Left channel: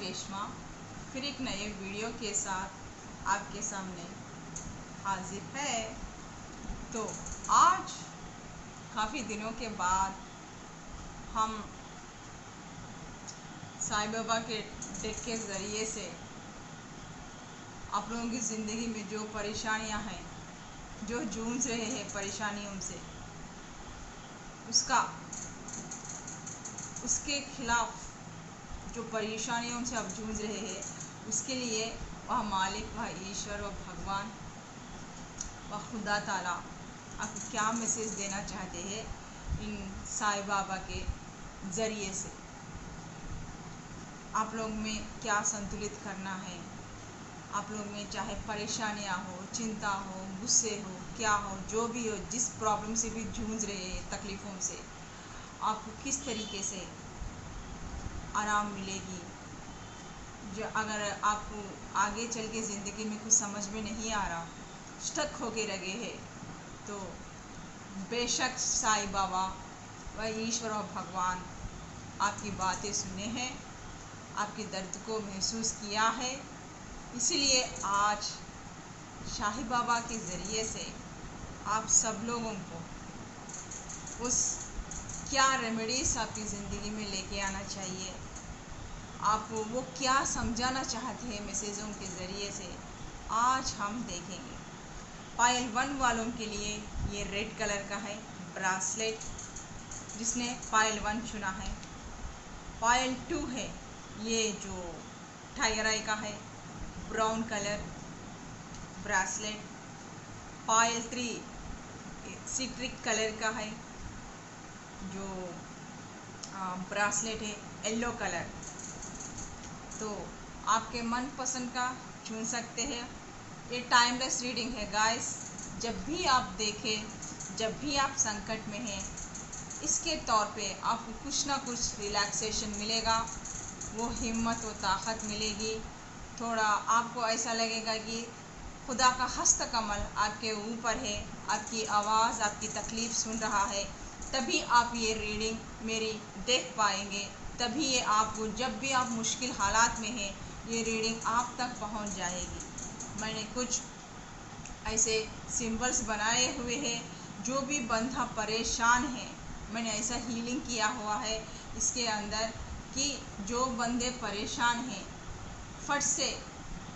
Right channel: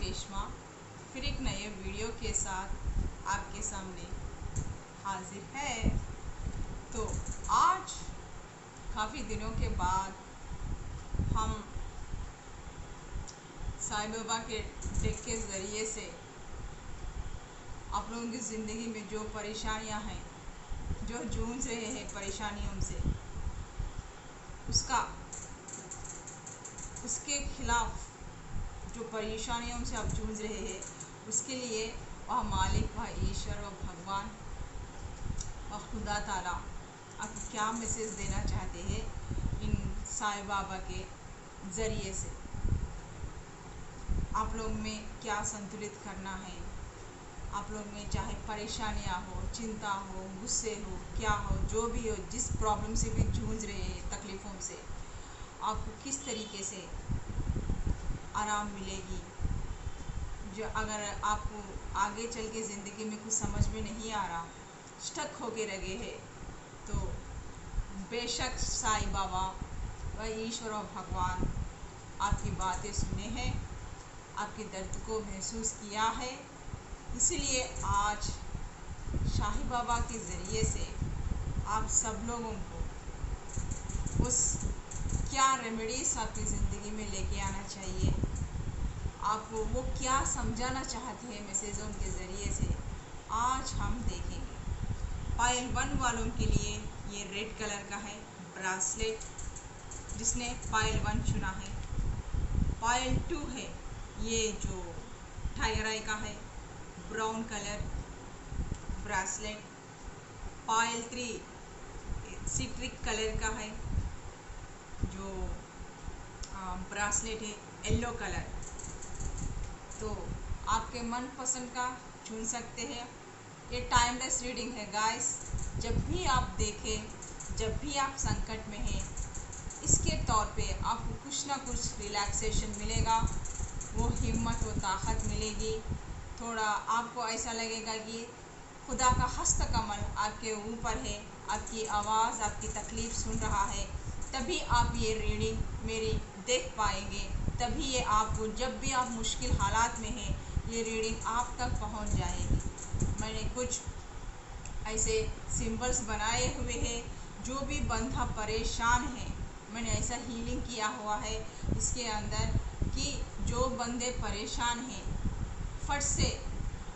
रेशमा फिर एक नए वीडियो के साथ आपके सामने हाजिर है। तो आज काफ़ी दिनों के बाद हम साईं बाबा के डेक के ज़रिए से आप लोगों की ज़िंदगी में जो परेशानियां हैं, जो जूझ रहे हैं परेशानियों से, उसके खिलाफ जो परेशानियों से आप जूझ रहे हैं, उसके लिए वह मालिक, वह ईश्वर, वह भगवान, वह खुदा ताला आपको क्या मैसेज देना चाहते हैं इन साईं बाबा के ज़रिए से। आप लोग में क्या संतुलित करना है, आप लोग में चाहे परेशानियां हो, चिंता हो, गुस्से हो, क्या हो, जो भी हो, जिस प्रॉब्लम से भी जूझ रहे हैं, तकलीफ़ों से, आपको किस तरीके से आराम मिलेगी। जो अगर आपको आगे चल के ज़िंदगी में कुछ समझ में नहीं आ रहा, स्टक होके लगे हैं, तो बेशक साईं बाबा व ईश्वर और भगवान आपकी बातें सुने हैं, आपके दर्द को महसूस किया है। इसीलिए आज साईं बाबा के ज़रिए से आप सब लोगों को उस क्या रेमेडीज़ आपकी ज़िंदगी में लेके आना चाहिए, आपको वो क्या समझाना चाहते हैं मैसेजों के ज़रिए से, आज हम देखेंगे। पायल 1 वालों के लिए ये रेड कलर का है ब्रासलेट, जिसने पायल 1 चुना है। पायल 2 है ये जो टाइगर आई का है, ब्राउन कलर ब्रासलेट। पायल 3 सिट्रिक कलर का है जो ब्रासलेट है, येलो कलर। तो आपके मनपसंद का चुन सकते हैं। ये टाइमलेस रीडिंग है गाइस। जब भी आप देखें, जब भी आप संकट में हैं, इसके तौर पे आपको कुछ ना कुछ रिलैक्सेशन मिलेगा, वो हिम्मत व ताकत मिलेगी। थोड़ा आपको ऐसा लगेगा कि खुदा का हस्त कमल आपके ऊपर है, आपकी आवाज़, आपकी तकलीफ़ सुन रहा है। तभी आप ये रीडिंग मेरी देख पाएंगे, तभी ये आपको, जब भी आप मुश्किल हालात में हैं, ये रीडिंग आप तक पहुंच जाएगी। मैंने कुछ ऐसे सिंबल्स बनाए हुए हैं, जो भी बंदा परेशान है, मैंने ऐसा हीलिंग किया हुआ है इसके अंदर कि जो बंदे परेशान हैं, फट से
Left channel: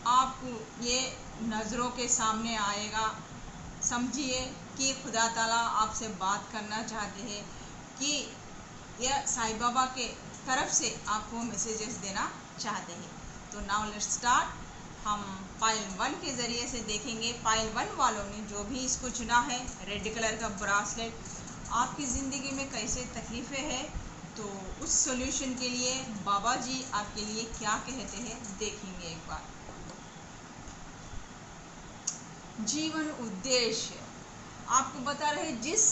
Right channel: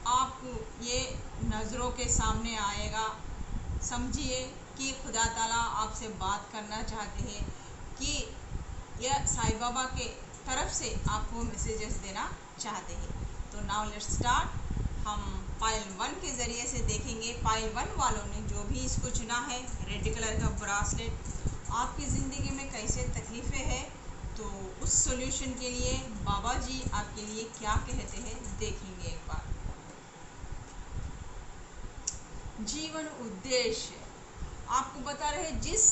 आपको ये नज़रों के सामने आएगा। समझिए कि खुदा ताला आपसे बात करना चाहते हैं, कि यह साईं बाबा के तरफ से आपको मैसेजेस देना चाहते हैं। तो नाउ लेट्स स्टार्ट। हम पायल 1 के ज़रिए से देखेंगे। पायल 1 वालों ने जो भी इसको चुना है, रेड कलर का ब्रासलेट, आपकी ज़िंदगी में कैसे तकलीफ़ें हैं, तो उस सॉल्यूशन के लिए बाबा जी आपके लिए क्या कहते हैं देखेंगे एक बार। जीवन उद्देश्य आपको बता रहे, जिस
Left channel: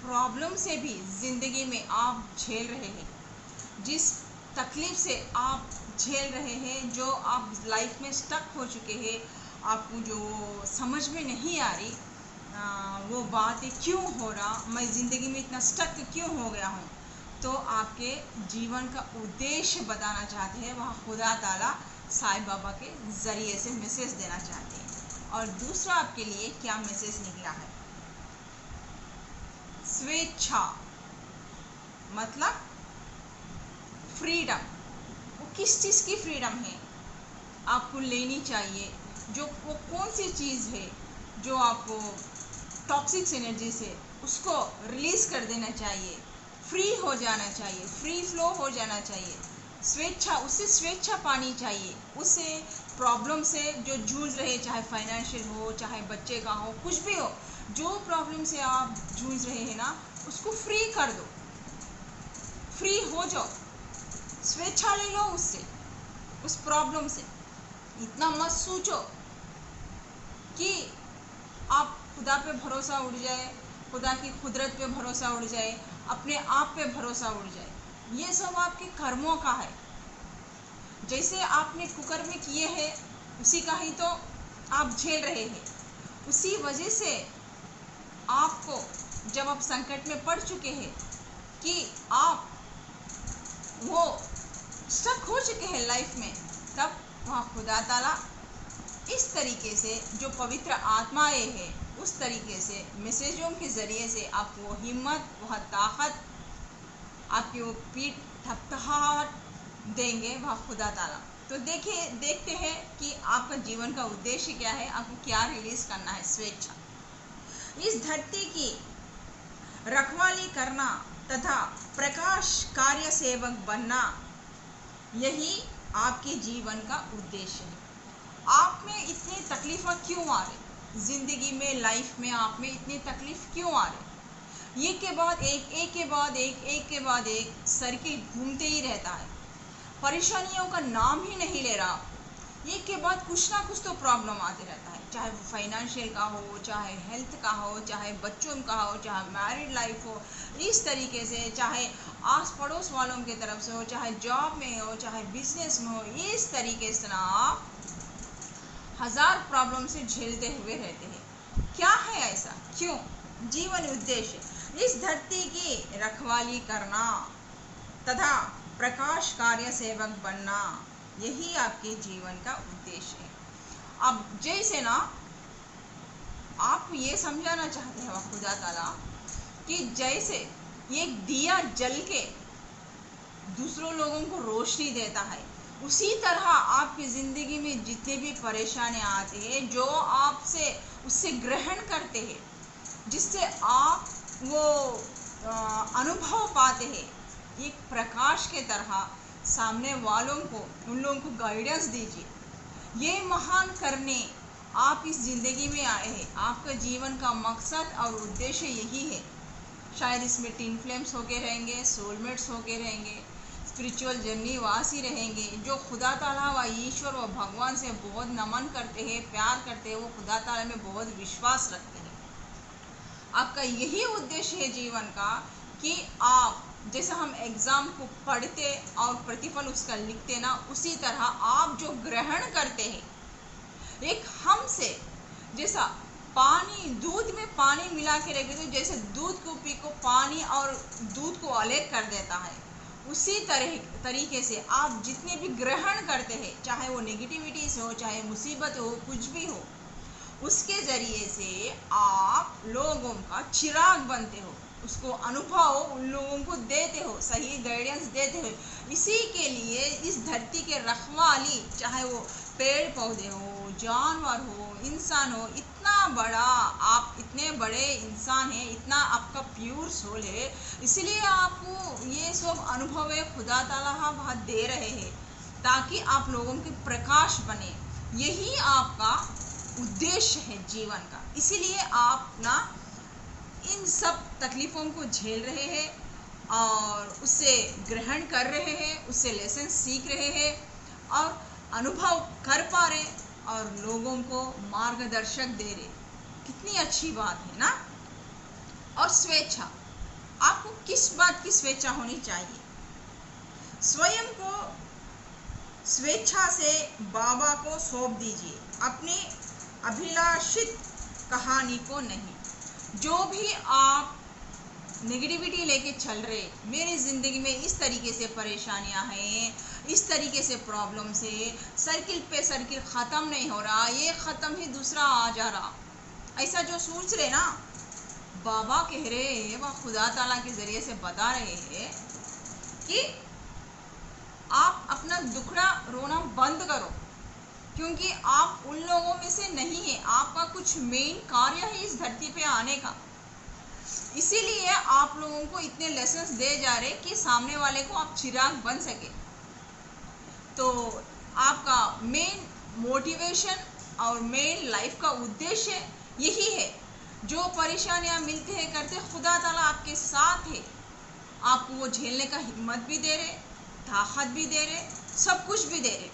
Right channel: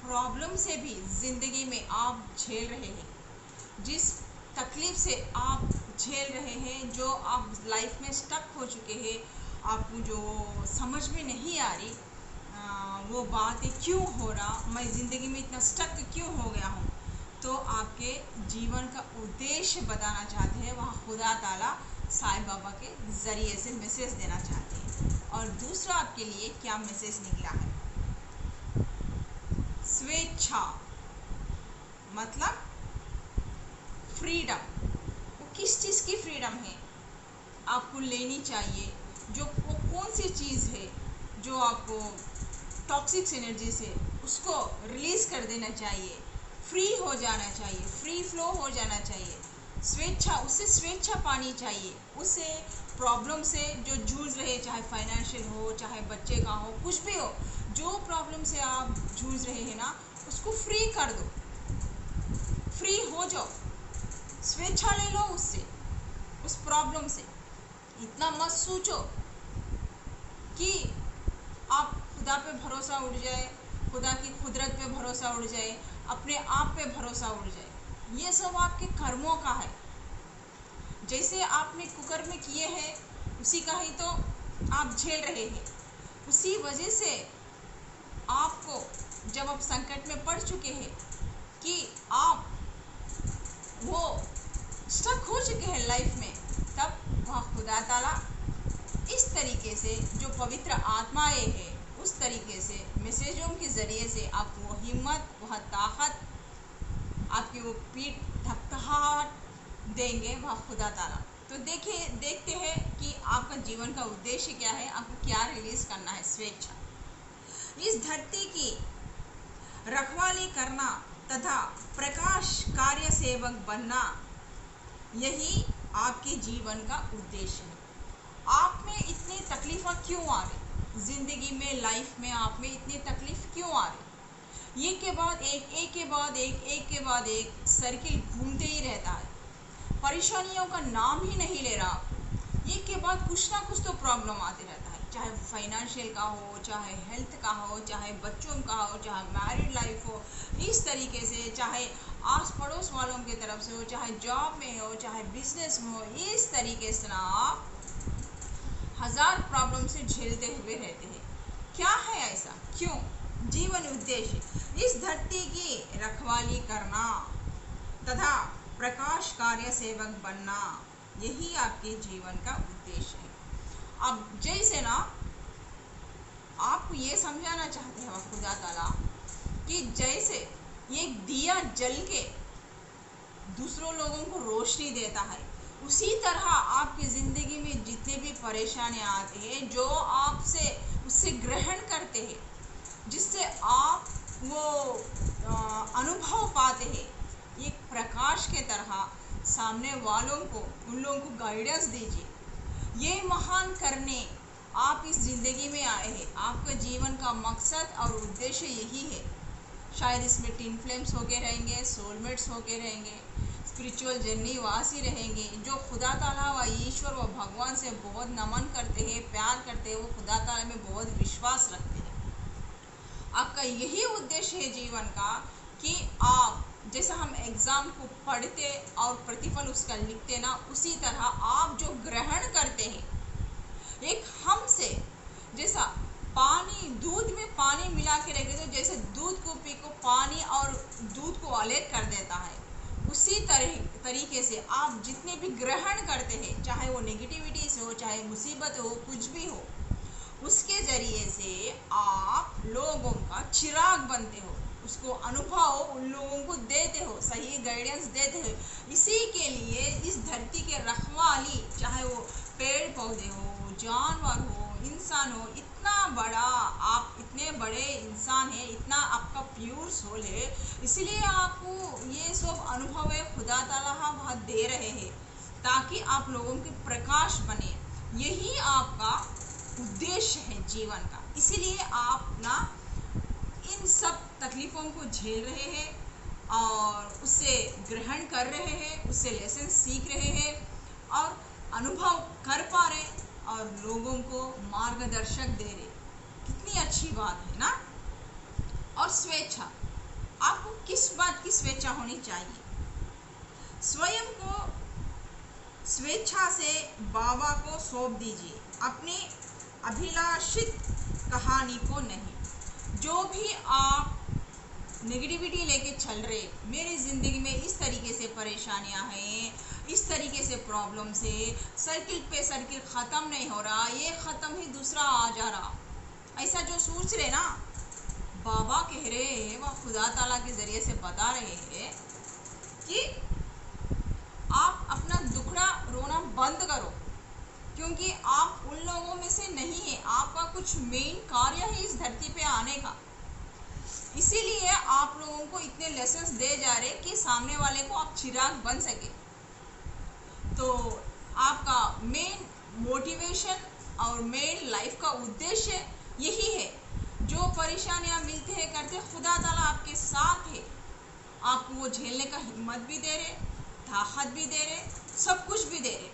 प्रॉब्लम से भी ज़िंदगी में आप झेल रहे हैं, जिस तकलीफ़ से आप झेल रहे हैं, जो आप लाइफ में स्टक हो चुके हैं, आपको जो समझ में नहीं आ रही वो बात क्यों हो रहा, मैं ज़िंदगी में इतना स्टक क्यों हो गया हूँ, तो आपके जीवन का उद्देश्य बताना चाहते हैं, वहाँ खुदा ताला साईं बाबा के ज़रिए से मैसेज देना चाहते हैं। और दूसरा आपके लिए क्या मैसेज निकला है, स्वेच्छा मतलब फ्रीडम। वो किस चीज़ की फ्रीडम है आपको लेनी चाहिए, जो वो कौन सी चीज़ है जो आपको टॉक्सिक एनर्जी से उसको रिलीज़ कर देना चाहिए, फ्री हो जाना चाहिए, फ्री फ्लो हो जाना चाहिए। स्वेच्छा, उससे स्वेच्छा पानी चाहिए, उससे प्रॉब्लम से जो जूझ रहे, चाहे फाइनेंशियल हो, चाहे बच्चे का हो, कुछ भी हो, जो प्रॉब्लम से आप जूझ रहे हैं ना, उसको फ्री कर दो, फ्री हो जाओ, स्वेच्छा ले लो उससे, उस प्रॉब्लम से। इतना मत सोचो कि आप खुदा पे भरोसा उड़ जाए, खुदा की कुदरत पे भरोसा उड़ जाए, अपने आप पे भरोसा उड़ जाए। ये सब आपके कर्मों का है। जैसे आपने कुकर में किए हैं, उसी का ही तो आप झेल रहे हैं। उसी वजह से आपको, जब आप संकट में पड़ चुके हैं, कि आप वो स्टक हो चुके हैं लाइफ में, तब वह खुदा ताला इस तरीके से जो पवित्र आत्माएं हैं उस तरीके से मैसेजों के ज़रिए से आपको वो हिम्मत, वह ताकत, आपकी वो पीठ थपथपाहट देंगे वह खुदा ताला। तो देखते हैं कि आपका जीवन का उद्देश्य क्या है, आपको क्या रिलीज करना है। स्वेच्छा, इस धरती की रखवाली करना तथा प्रकाश कार्य सेवक बनना, यही आपके जीवन का उद्देश्य है। आप में इतनी तकलीफ़ें क्यों आ रही, ज़िंदगी में, लाइफ में आप में इतनी तकलीफ़ क्यों आ रही? एक के बाद एक, एक के बाद एक, एक के बाद एक सर्किल घूमते ही रहता है, परेशानियों का नाम ही नहीं ले रहा। एक के बाद कुछ ना कुछ तो प्रॉब्लम आते रहता है, चाहे वो फाइनेंशियल का हो, चाहे हेल्थ का हो, चाहे बच्चों का हो, चाहे मैरिड लाइफ हो, इस तरीके से, चाहे आस पड़ोस वालों की तरफ से हो, चाहे जॉब में हो, चाहे बिजनेस में हो, इस तरीके से ना आप हजार प्रॉब्लम से झेलते हुए रहते हैं। क्या है ऐसा, क्यों? जीवन उद्देश्य, इस धरती की रखवाली करना तथा प्रकाश कार्य सेवक बनना, यही आपके जीवन का उद्देश्य है। अब जैसे ना आपको ये समझाना चाहते हैं खुदा ताला कि जैसे एक दिया जल के दूसरों लोगों को रोशनी देता है, उसी तरह आपकी ज़िंदगी में जितने भी परेशानियां आती हैं, जो आपसे उससे ग्रहण करते हैं, जिससे आप वो अनुभव पाते हैं, एक प्रकाश के तरह सामने वालों को, उन लोगों को गाइडेंस दीजिए। ये महान करने आप इस ज़िंदगी में आए हैं। आपका जीवन का मकसद और उद्देश्य यही है। शायद इसमें टिन फ्लेम्स होके रहेंगे, सोलमेट्स होके रहेंगे, स्पिरिचुअल जर्नी वासी रहेंगे, जो खुदा ताला व ईश्वर व भगवान से बहुत नमन करते हैं, प्यार करते हैं, वो खुदा ताला में बहुत विश्वास रखते हैं। आपका यही उद्देश्य है जीवन का कि आप जैसे हम एग्ज़ाम को पढ़ते और प्रतिफल उसका लिखते ना, उसी तरह आप जो ग्रहण करते हैं, एक हमसे जैसा पानी, दूध में पानी मिला के रखे तो जैसे दूध को पी को पानी और दूध को अलग कर देता है, उसी तरीके से आप जितने भी ग्रहण करते हैं, चाहे वो नेगेटिविटी से हो, चाहे मुसीबत हो, कुछ भी हो, उसके ज़रिए से आप लोगों का चिराग बनते हो, उसको अनुभव उन लोगों को देते हो, सही गाइडेंस देते हो। इसी के लिए इस धरती के रखवाली, चाहे वो पेड़ पौधे हो, जानवर हो, इंसान हो, इतना बड़ा आप, इतने बड़े इंसान हैं, इतना आपका प्योर सोल है, इसलिए आपको ये सब अनुभव है खुदा ताला बहुत दे रहे हैं, ताकि आप लोगों के प्रकाश बने। यही आपका उद्देश्य है जीवन का। इसीलिए आप ना इन सब तकलीफ़ों को झेल रहे हैं और उससे ग्रहण कर रहे हैं, उससे लेसन सीख रहे हैं और अनुभव कर पा रहे और लोगों को मार्गदर्शक दे रहे। कितनी अच्छी बात है ना। और स्वेच्छा, आपको किस बात की स्वेच्छा होनी चाहिए? स्वयं को स्वेच्छा से बाबा को सौंप दीजिए, अपनी अभिलाषित कहानी को नहीं। जो भी आप नेगेटिविटी लेके चल रहे, मेरी ज़िंदगी में इस तरीके से परेशानियां हैं, इस तरीके से प्रॉब्लम से सर्किल पे सर्किल ख़त्म नहीं हो रहा, ये ख़त्म ही दूसरा आ जा रहा, ऐसा जो सोच रहे ना, बाबा कह रहे हैं, वह खुदा ताला के ज़रिए से बता रहे हैं कि आप अपना दुखड़ा रोना बंद करो, क्योंकि आप उन लोगों में से नहीं है। आपका कुछ मेन कार्य है इस धरती पे आने का, इसीलिए आप लोगों को इतने लेसन्स दे जा रहे कि सामने वाले को आप चिराग बन सके। तो आपका मेन मोटिवेशन और मेन लाइफ का उद्देश्य यही है। जो परेशानियां मिलते हैं करते, खुदा ताला आपके साथ है, आपको वो झेलने का हिम्मत भी दे रहे, ताकत भी दे रहे, सब कुछ भी दे रहे।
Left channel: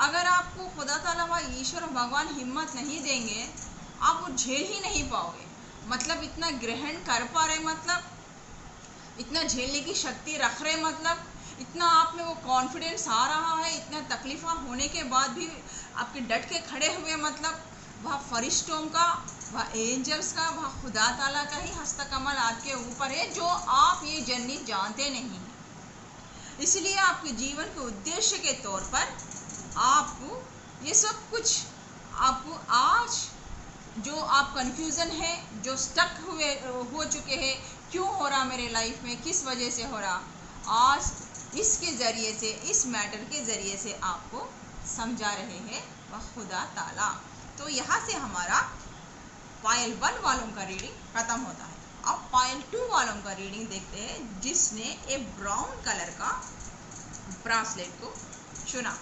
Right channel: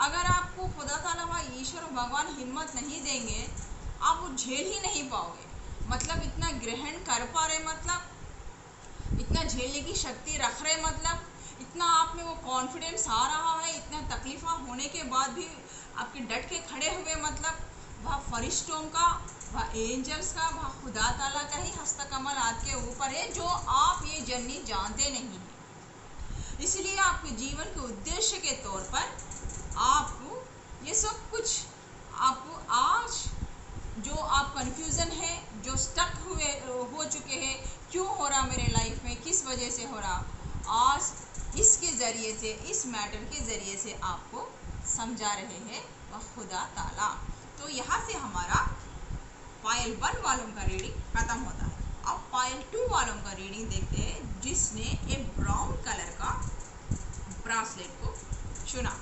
अगर आपको खुदा ताला व ईश्वर भगवान हिम्मत नहीं देंगे, आप वो झेल ही नहीं पाओगे। मतलब इतना ग्रहण कर पा रहे, मतलब इतना झेलने की शक्ति रख रहे, मतलब इतना आप में वो कॉन्फिडेंस आ रहा है, इतना तकलीफ़ा होने के बाद भी आपके डट के खड़े हुए, मतलब वह फरिश्तों का, वह एंजल्स का, वह खुदा ताला का ही हस्तकमल आपके ऊपर है, जो आप ये जर्नी जानते नहीं हैं। इसलिए आपके जीवन के उद्देश्य के तौर पर आपको ये सब कुछ, आपको आज जो आप कंफ्यूजन है, जो स्टक हो चुके हैं, क्यों हो रहा मेरे लाइफ में, किस वजह से हो रहा, आज इसके ज़रिए से, इस मैटर के ज़रिए से आपको समझा रहे हैं वह खुदा ताला। तो यहाँ से हमारा पायल 1 वालों का रीडिंग ख़त्म होता है। अब पायल 2 वालों का रीडिंग देखते हैं, जिसने एक ब्राउन कलर का ब्रासलेट को चुना।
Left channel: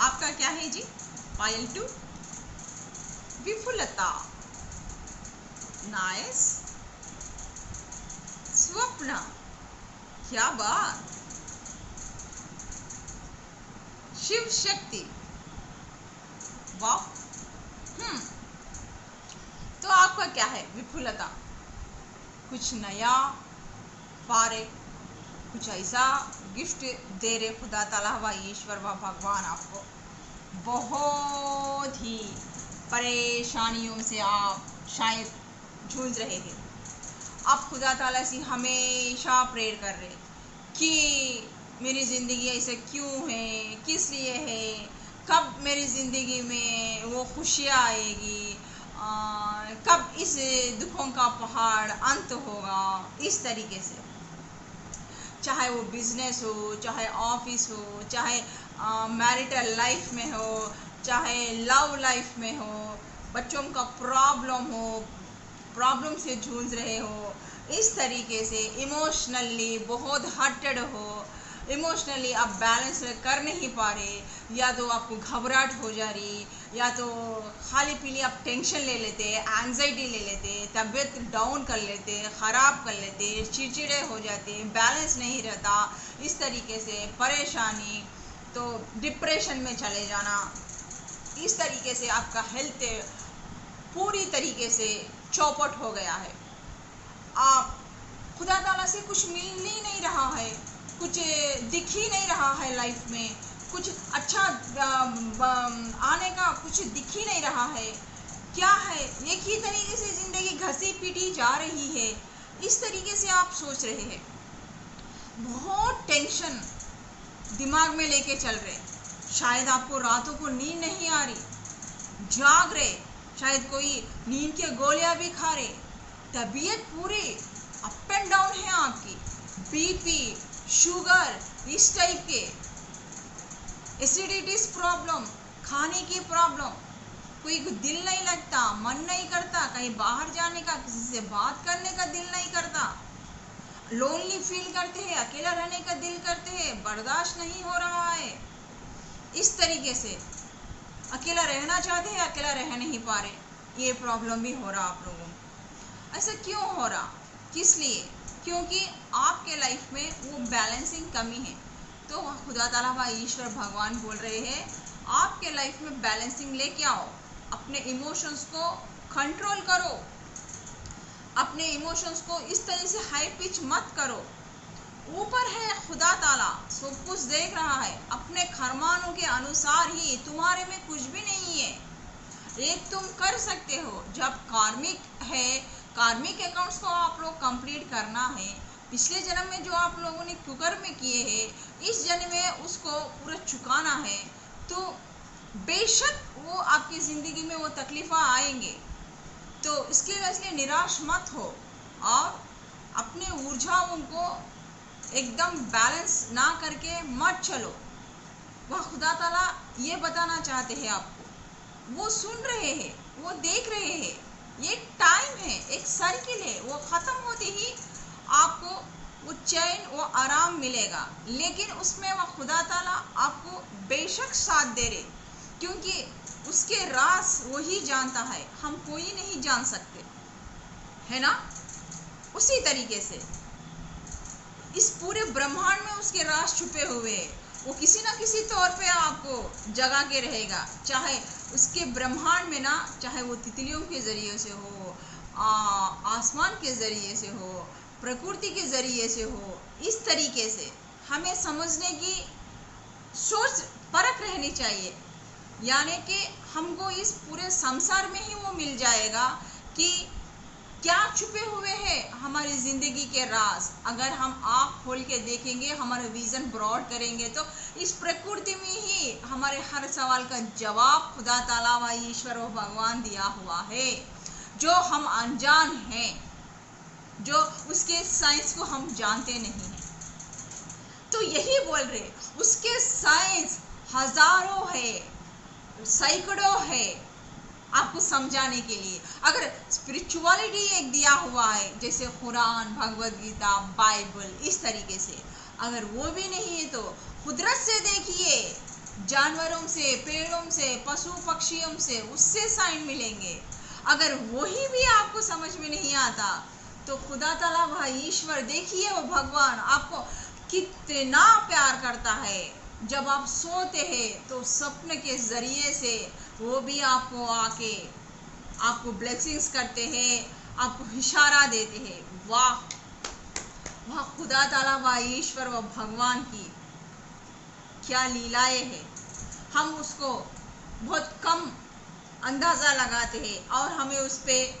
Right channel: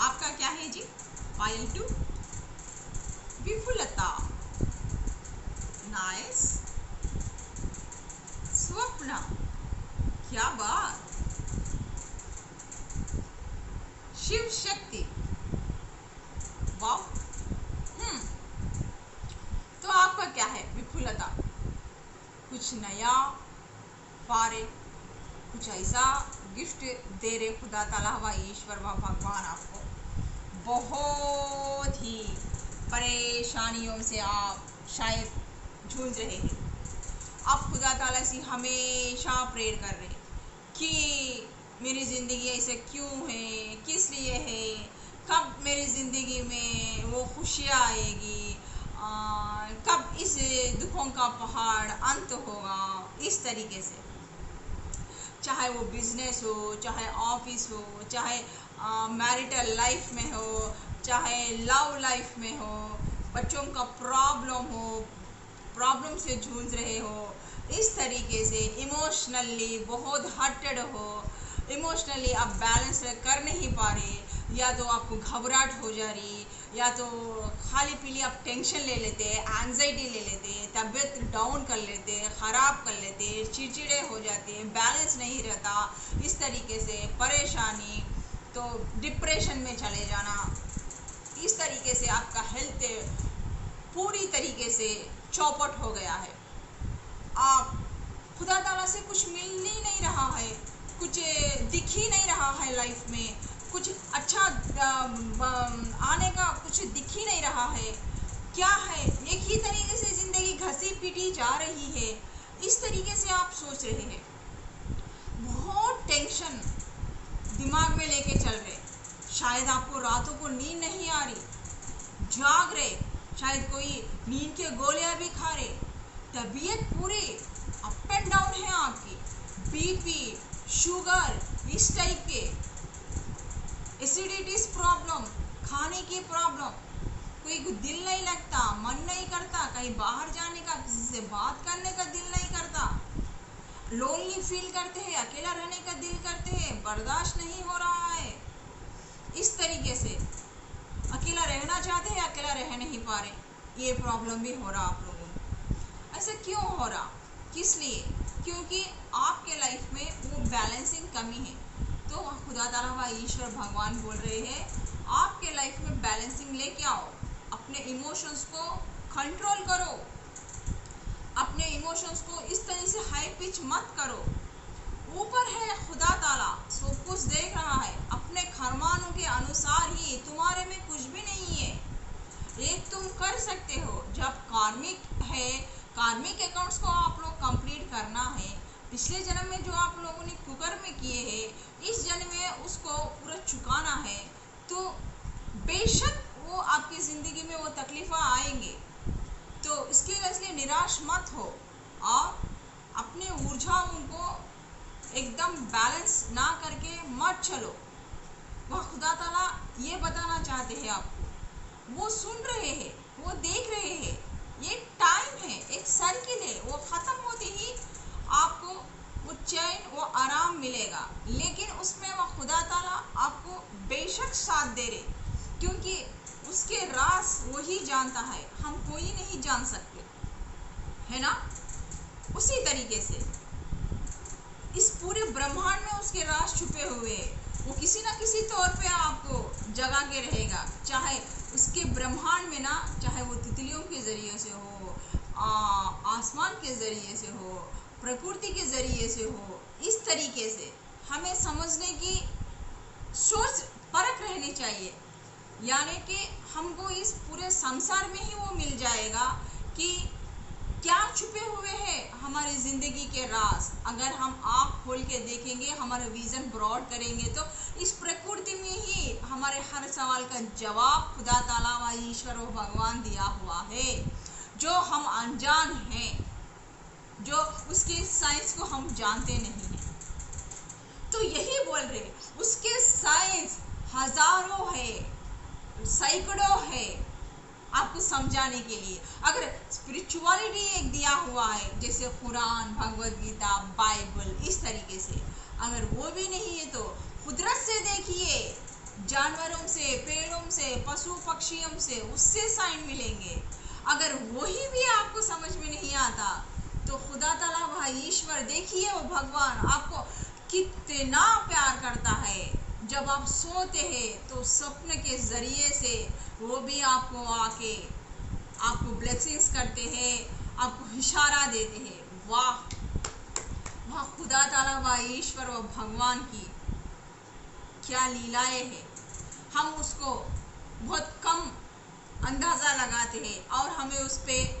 आपका क्या है जी? पायल 2 विफुलता, नाइस, स्वप्न, क्या बात, शिव शक्ति, वाह। तो आपका क्या है? विफुलता, कुछ नया पा रहे, कुछ ऐसा गिफ्ट दे रहे खुदा ताला व ईश्वर व भगवान आपको। बहुत ही परेशानियों से आप शायद जूझ रहे हैं। आप खुदा ताला से हमेशा प्रेयर कर रहे कि मेरी ज़िंदगी ऐसे क्यों है, किस लिए है, कब मेरी ज़िंदगी में वो खुशियाँ आएगी, कब इस दुखों का पहाड़ अंत होगा। इस तरीके से, चाहे वो बिजनेस हो, चाहे ऑफिस हो, चाहे मैरिटल लाइफ में हो, चाहे लव लाइफ में हो, बच्चों का प्रॉब्लम हो, प्रॉब्लम से जूझ रहे हो, इस तरीके से इमोशनली बहुत हर्टेड हो, इमोशनली आप बैलेंस कर नहीं पा रहे, या तो आपको घबराहट हो जा रही, या तो खाली पीली आप टेंशन ले लेते, एंजाइटी ले लेते, तबीयत डाउन कर लेते, ख़राब कर लेते, चिड़चिड़े हो जाते, बैलेंस नहीं रहता, इस तरीके से परेशानी, तो डिप्रेशन में चले जाना, इस तरीके से आपका हेल्थ पूरी तरीके से चौपट हो गया है। आप खुदा ताला से कुछ मिल ही नहीं रहा है, कुछ दिख ही नहीं रहा है लाइफ में, कुछ अच्छा आने का कुछ दिख ही नहीं रहा है। क्या है, एक ही तरीके से ज़िंदगी घसी पीटी जा रही है, इस तरीके से आप सोच रहे हैं। बहुत टेंशन दिमाग में लेके चल रहे, शायद आपको रातों को नींद नहीं आ रही, जाग रहे, शायद कोई नींद के गोलियां भी खा रहे, तबीयत पूरी अप एंड डाउन है आपकी, बीपी, शुगर, इस टाइप के, एसिडिटीज प्रॉब्लम, खाने की प्रॉब्लम, कोई दिल नहीं लगता, मन नहीं करता कहीं बाहर जाने का, किसी से बात करने का दिल नहीं करता, लोनली फील करते हैं, अकेला रहने का दिल करते हैं, बर्दाश्त नहीं हो रहा है, इस तरीके से अकेला रहना चाहते हैं, अकेला रह नहीं पा रहे, ये प्रॉब्लम भी हो रहा आप लोगों को। ऐसा क्यों हो रहा, किस लिए? क्योंकि आपके लाइफ में वो बैलेंसिंग कमी है। तो खुदा ताला व ईश्वर भगवान बोल रहे हैं, आपके लाइफ में बैलेंसिंग लेके आओ, अपने इमोशंस को कंट्रोल करो, अपने इमोशंस को इस तरह से हाई पिच मत करो। ऊपर है खुदा ताला, सब कुछ देख रहा है, अपने फरमानों के अनुसार ही, तुम्हारे में कुछ भी नहीं है। एक तुम कर सकते हो, जब कार्मिक है, कार्मिक अकाउंट्स को आप लोग कंप्लीट करना है, पिछले जन्म में जो आप लोगों ने कुकर्म किए हैं, इस जन्म में उसको पूरा चुकाना है, तो बेशक वो आपकी ज़िंदगी में वो तकलीफ़ आएंगे, तो इसलिए निराश मत हो और अपने ऊर्जाओं को एकदम बैलेंस ना करके मत चलो। वह खुदा ताला ये बताना चाहते हैं आपको, वो सुन रहे हैं, वो देख रहे हैं, ये टाइम है, एक साइकिल है, वो ख़त्म होते ही आपको वो चैन, वो आराम मिलेगा, लेकिन उसमें वह खुदा ताला आपको बेशक साथ दे रहे, क्योंकि उसके राज वही जानता है, हम कोई नहीं जान सकते, है ना। उसी तरीके से इस पूरे ब्रह्मांड में उसके राज छुपे हुए हैं, वो किसी ना किसी तौर पे आपको जगा के रहेगा, चाहे उसके ब्रह्मांड में ना, चाहे वो तितलियों के ज़रिए से हो, आसमान के ज़रिए से हो, प्रकृति के ज़रिए से हो, इस तरीके से हमें समझने की सोच परख रहनी चाहिए। यानी कि हमको इस पूरे संसार में ही वो मिल जाएगा कि क्या छुपे हुए हैं हमारी ज़िंदगी के राज। अगर हम आँख खोल के देखेंगे, हमारा विज़न ब्रॉड करेंगे, तो इस प्रकृति में ही हमारे हर सवाल का जवाब खुदा ताला व ईश्वर व भगवान दिया हुआ है, जो हम अनजान हैं, जो उसके साइंस को हम जानते नहीं हैं। तो यही बोल रहे, उसके साइंस हजारों है, सैकड़ों है, आपको समझाने के लिए। अगर स्पिरिचुअलिटी एक दिया हुआ है, जैसे कुरान, भगवद गीता, बाइबल, इस तरीके से, अगर वो भी नहीं है तो कुदरत से देखिए, जानवरों से, पेड़ों से, पशु पक्षियों से, उससे साइन मिलेंगे। अगर वही भी आपको समझ में नहीं आता तो खुदा ताला वह ईश्वर देखिए, वो भगवान आपको कितना प्यार करता है। जब आप सोते हैं तो सपने के जरिए से वो भी आपको आके आपको ब्लेसिंग्स करते हैं, आपको इशारा देते हैं। वाह वाह, खुदा ताला व ईश्वर व भगवान की क्या लीलाएं हैं। हम उसको बहुत कम अंदाज़ा लगाते हैं और हमें उस पर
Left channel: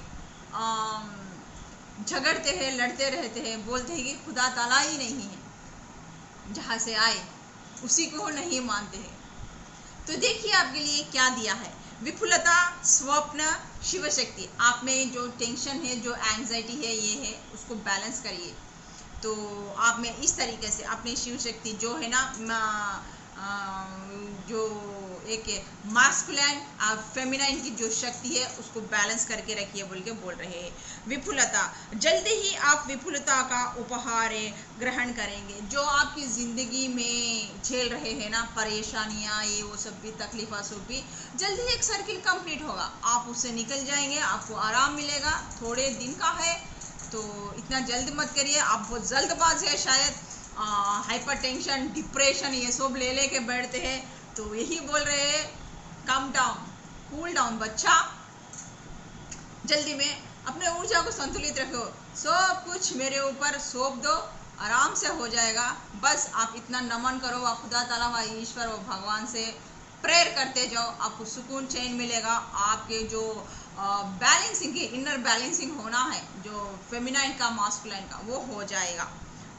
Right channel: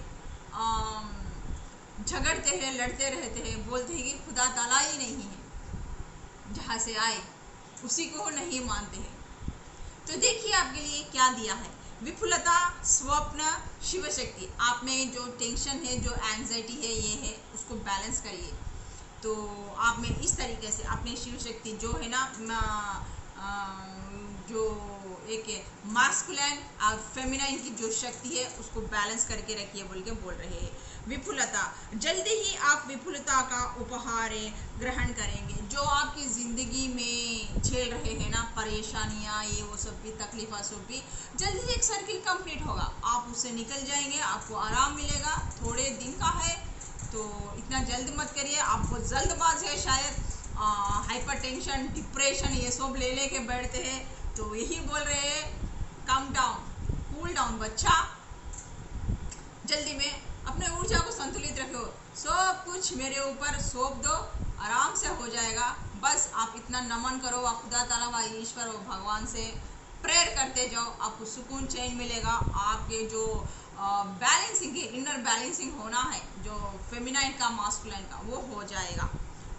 झगड़ते हैं, लड़ते रहते हैं, बोलते हैं कि खुदा ताला ही नहीं है, जहाँ से आए उसी को नहीं मानते हैं। तो देखिए आपके लिए क्या दिया है, विपुलता, स्वप्न, शिव शक्ति। आप में जो टेंशन है, जो एंजाइटी है, ये है, उसको बैलेंस करिए। तो आप में इस तरीके से अपने शिव शक्ति जो है ना, जो एक मास्कुलिन और फेमिनाइन की जो शक्ति है, उसको बैलेंस करके रखिए बोल के बोल रहे हैं। विपुलता, जल्दी ही आप विपुलता का उपहार ग्रहण करेंगे। जो आपकी ज़िंदगी में झेल रहे हैं ना परेशानियाँ, ये वो सब भी, तकलीफ़ा सब भी, जल्दी ही एक सर्किल कंप्लीट होगा, आप उससे निकल जाएंगे, आपको आराम मिलेगा। थोड़े दिन का है तो इतना जल्द मत करिए, आप बहुत जल्दबाज है शायद, हाइपरटेंशन, डिप्रेशन, ये सब ले लेके बैठते हैं। तो यही बोल रहे हैं, कम डाउन, कूल डाउन बच्चा, जल्दी में अपने ऊर्जा को संतुलित रखो, सब कुछ मेरे ऊपर सौंप दो, आराम से हो जाएगा। बस आप इतना नमन करो व खुदा ताला व ईश्वर व भगवान से प्रेयर करते जाओ, आपको सुकून, चैन मिलेगा। आपके जो बैलेंसिंग है, इनर बैलेंसिंग होना है, जो फेमिनाइन का, मास्कुलाइन का, वो हो जाएगा।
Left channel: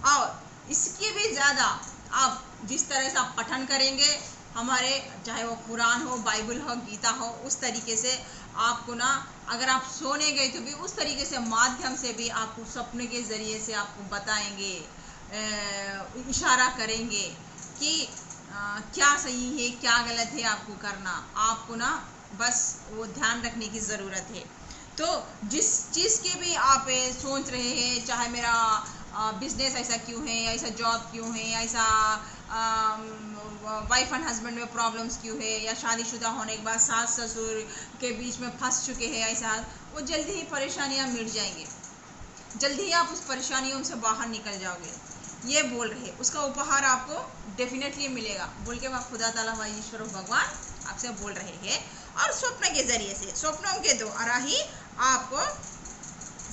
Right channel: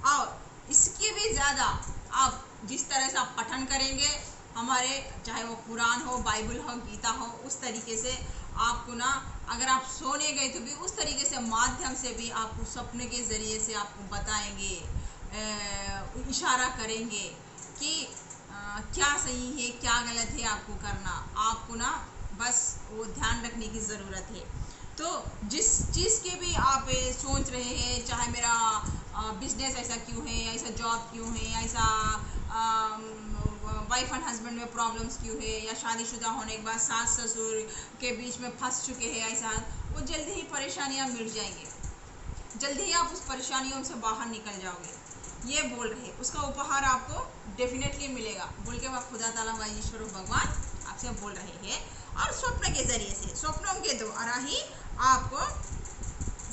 और इसके भी ज़्यादा आप जिस तरह से आप पठन करेंगे हमारे, चाहे वो कुरान हो, बाइबल हो, गीता हो, उस तरीके से आपको ना, अगर आप सोने गए तो भी उस तरीके से माध्यम से भी आपको सपने के ज़रिए से आपको बताएंगे, इशारा करेंगे कि क्या सही है, क्या गलत है आपको करना। आपको ना बस वो ध्यान रखने की ज़रूरत है। तो जिस चीज़ के भी आप सोच रहे हैं, चाहे मेरा बिजनेस ऐसा क्यों है, ऐसा जॉब क्यों है, ऐसा वाइफ एंड हस्बैंड में प्रॉब्लम्स क्यों है, या शादीशुदा होने के बाद सास ससुर के बीच में फंस चुके हैं, ऐसा, वो जल्दी ही परेशानियां मिट जाएंगे, जल्दी ही आप उस परेशानियों से बाहर निकल जाओगे। ये बोल रहे, उसका उपहार आपको डेफिनेटली मिलेगा बोल के वह खुदा ताला व ईश्वर भगवान आपसे बोल रहे हैं। और स्वप्न के जरिए से, स्वप्नों के द्वारा ही आपको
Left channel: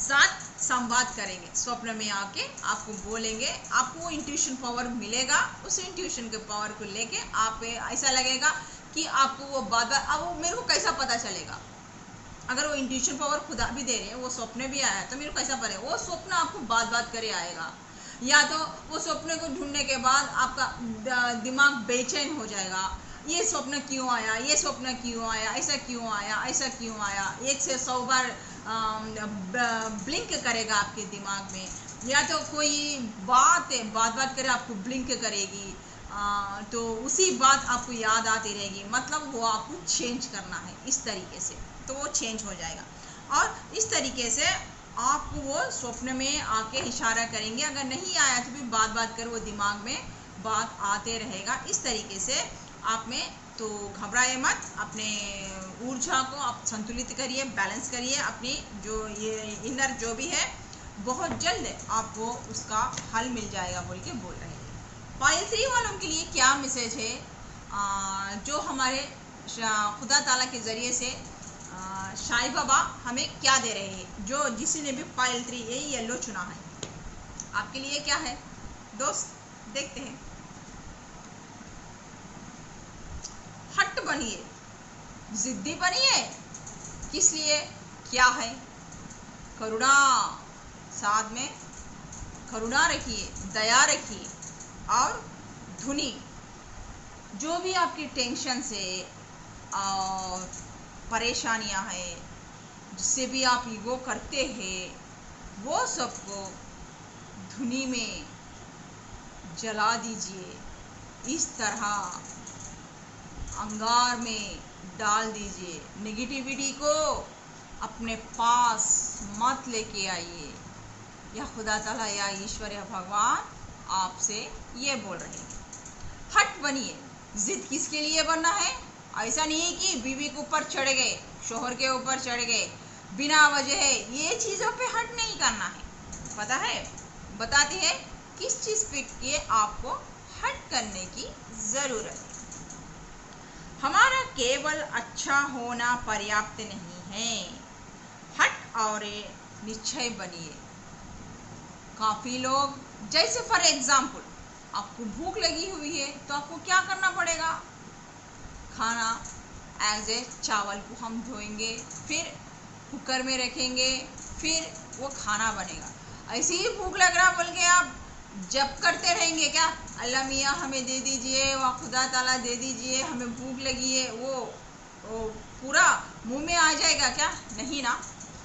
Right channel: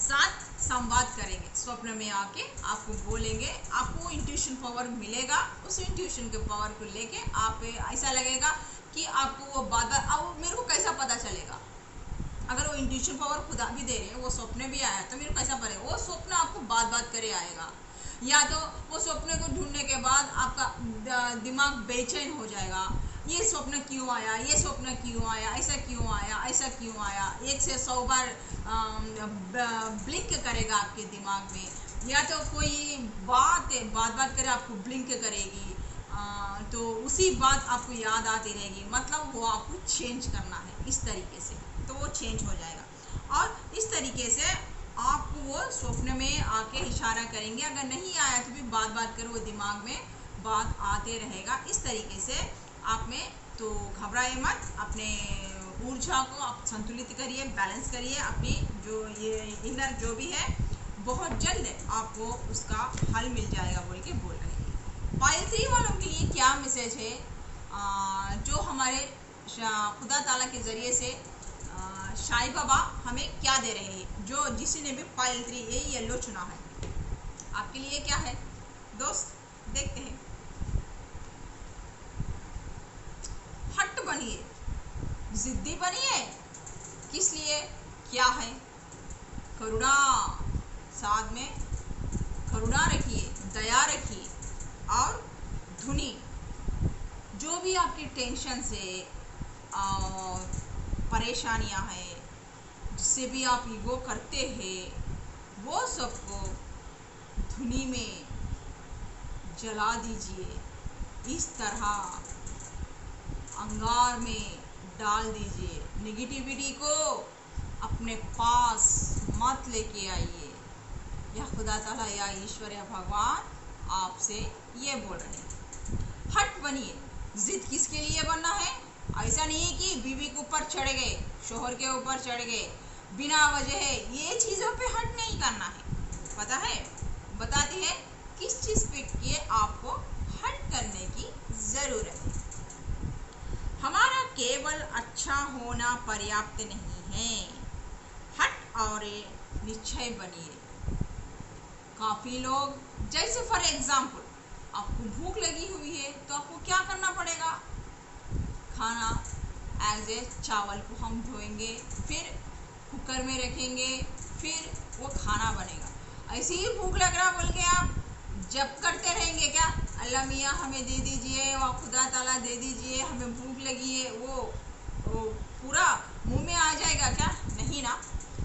साथ संवाद करेंगे, स्वप्न में आके आपको बोलेंगे, आपको इंट्यूशन पावर मिलेगा। उस इंट्यूशन के पावर को लेके आप ऐसा लगेगा कि आपको वो बात, अब वो मेरे को कैसा पता चलेगा, अगर वो इंट्यूशन पावर खुदा भी दे रहे हैं, वो स्वप्न भी आया तो मेरे को कैसा पड़ेगा, वो स्वप्न आपको बात करे आएगा। या तो वो स्वप्न को ढूंढने के बाद आपका दिमाग बेचैन हो जाएगा, ये स्वप्न क्यों आया, ये स्वप्न क्यों आया, ऐसा क्यों आया, ऐसा क्यों आया, 1 से 100 बार ब्लिंक करेगा आपके दिमाग में। या तो कोई बात करे, आपको ब्लिंक करेगी, तो उसी बात आपको याद आती रहेगी, मतलब वो आपको चेंज करना है इस तरीके से, तो वो चेंज हो जाएगा। और इस तरीके से आपको वो स्वप्न में आके इशारा करेंगे। अगर नहीं आया तो भी बात कर वो दिमाग में बात आते रहेगा। इस तरीके से आप में, तो घबराए मत, अपने ऊर्जा को आप संतुलित करिए, बैलेंस करिए, अपनी जो ये इनर जो भी है, बहुत जल्द आपको उसका हल मिल जाएगा बोल के बोल रहे हैं। पाइल 3 वालों के लिए क्या मैसेज है, जो हमारे खुदा ताला के ज़रिए से साईं बाबा हमें क्या दे रहे हैं, जो जिसी ने भी पाइल 3 ये येलो चुना है, आपके लिए क्या है दोस्त, देखते हैं। हट बनिए, जिद्दी बनिए, किस लिए, क्या है, करुणा, साथ में करुणा रखिए, दया रखिए। और धुनी, जो भी आपकी टेंशन से परेशानियां हैं, जिससे भी आप ईगो करते हैं, वो सबको धुनी में जला दीजिए। इस तरह अंगार में डाल दीजिए। नेगेटिविटी को अपने पास मत लेके आइए। या खुदा ताला या ईश्वर या भगवान आपसे ये बोल रहे हैं। हट बनिए। जिद किसके लिए बनना है? ऐसा नहीं कि बीवी के ऊपर चढ़ गए, शोहर के ऊपर चढ़ गए बिना वजह, ये चीज़ों पे हट नहीं करना है। पता है, बताती है किस चीज़ पे ये आपको हट करने की ज़रूरत है। हमारा केवल अच्छा होना पर्याप्त नहीं है। हट और निश्चय बनिए। काफ़ी लोग, जैसे फॉर एग्जाम्पल आपको भूख लगी हुई है तो आपको क्या करना पड़ेगा? खाना एज ए चावल को हम धोएंगे, फिर कुकर में रखेंगे, फिर वो खाना बनेगा। ऐसे ही भूख लग रहा बोल के आप जब करते रहेंगे क्या? अल्लाह मियाँ हमें दे दीजिए, वाह खुदा ताला दे दीजिए, हमें भूख लगी है, वो पूरा मुंह में आ जाएगा क्या? नहीं ना।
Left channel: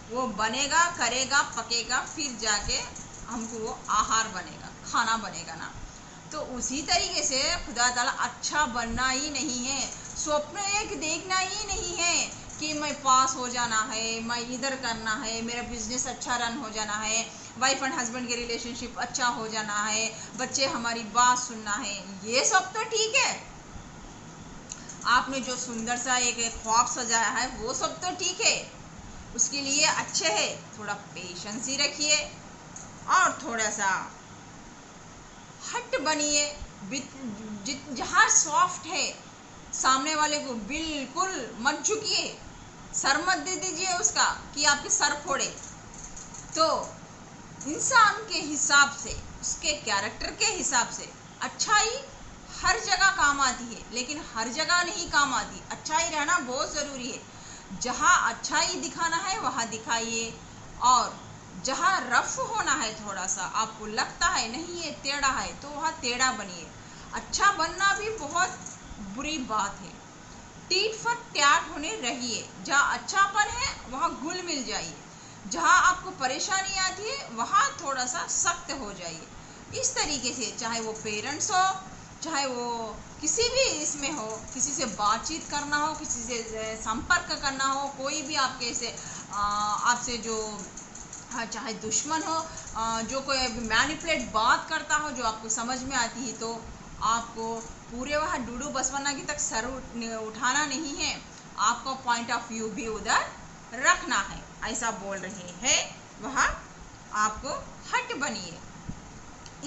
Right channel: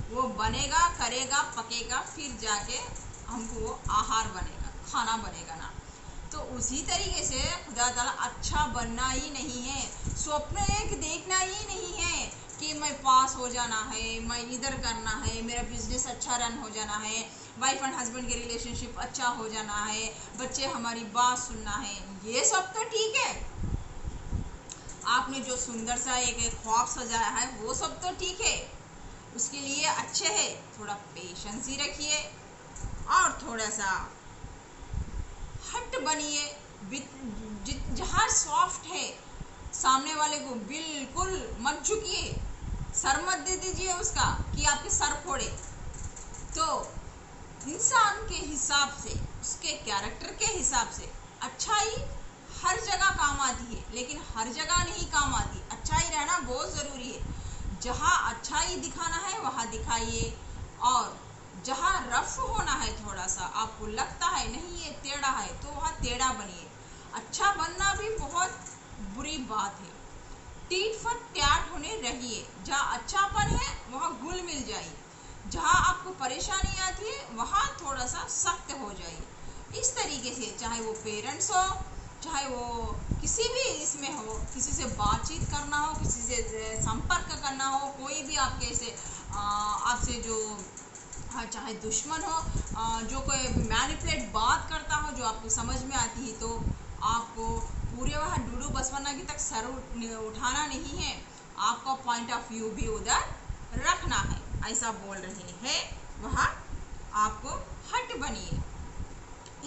वो बनेगा, करेगा, पकेगा, फिर जाके हमको वो आहार बनेगा, खाना बनेगा ना। तो उसी तरीके से खुदा ताला अच्छा बनना ही नहीं है, स्वप्न एक देखना ही नहीं है कि मैं पास हो जाना है, मैं इधर करना है, मेरा बिजनेस अच्छा रन हो जाना है, वाइफ एंड हस्बैंड के रिलेशनशिप अच्छा हो जाना है, बच्चे हमारी बात सुनना है। ये सब तो ठीक है, आपने जो सुंदर सा एक ख्वाब सजाया है वो सब तो ठीक है, उसके लिए अच्छे है। थोड़ा पेशेंस ही रखिए और थोड़ा सा हट बनिए। जहाँ सॉफ्ट है, सामने वाले को बिल्कुल मत झुकिए, सर मत दे दीजिए उसका कि आपके सर फोड़े। तो इंसान के हिसाब से, उसके कैरेक्टर के हिसाब से अच्छाई हर जगह काम आती है, लेकिन हर जगह नहीं काम आती। अच्छाई रहना बहुत ज़रूरी है। जहाँ अच्छाई दिखाना है वहाँ दिखाइए, और जहाँ रफ होना है, थोड़ा सा आपको लगता है नहीं ये टेढ़ा है, तो वहाँ टेढ़ा बनिए। अच्छा बनना भी बहुत बुरी बात है। टीट फट ट्याट होने रहिए। जहाँ अच्छापन है वहाँ घुल मिल जाइए, जहाँ आपको परेशानी आती है वहाँ थोड़ा सा सख्त हो जाइए। इस तरीके से चाहे वो पेरेंट्स हो, चाहे वो किसी भी इसमें हो, किसी से बातचीत करना हो, किसी से संपर्क करना हो, कोई भी आपके से आपसे जो चाहे दुश्मन हो, जो कोई मैनिपुलेट बात करता हो जो आपको समझ में आती है, तो आपको पूरे वहाँ डूडू बसवन्ना की तक सर उठाना नहीं है, आपका पॉइंट ऑफ व्यू भी उधर रखना है। ऐसा बोल रहे हैं, वहाँ आपको हट बनिए।